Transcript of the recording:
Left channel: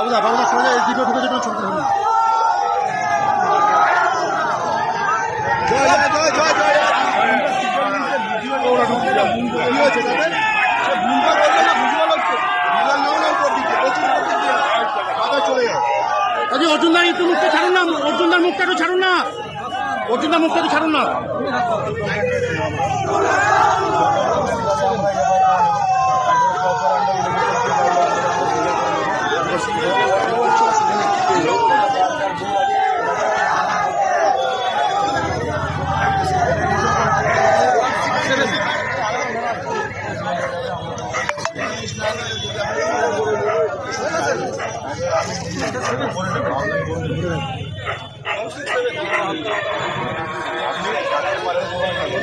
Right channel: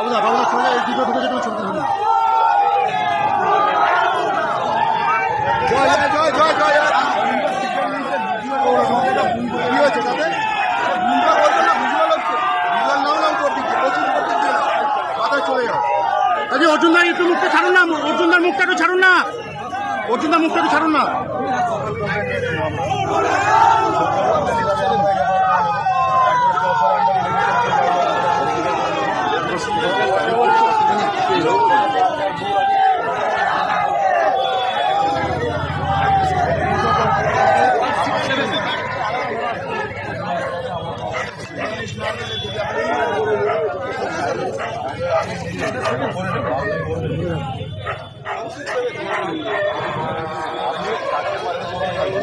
বাবুদা বাবুদা সরে এই দিকে ঢুকে যেতে ছবি ধরুন। অর্জুনদার একটু মুখটা ছাড়ুন না, অর্জুনদার মুখটা একটু ছাড়ুন না, অর্জুনদার মুখটা একটু ছাড়ুন না। আপনি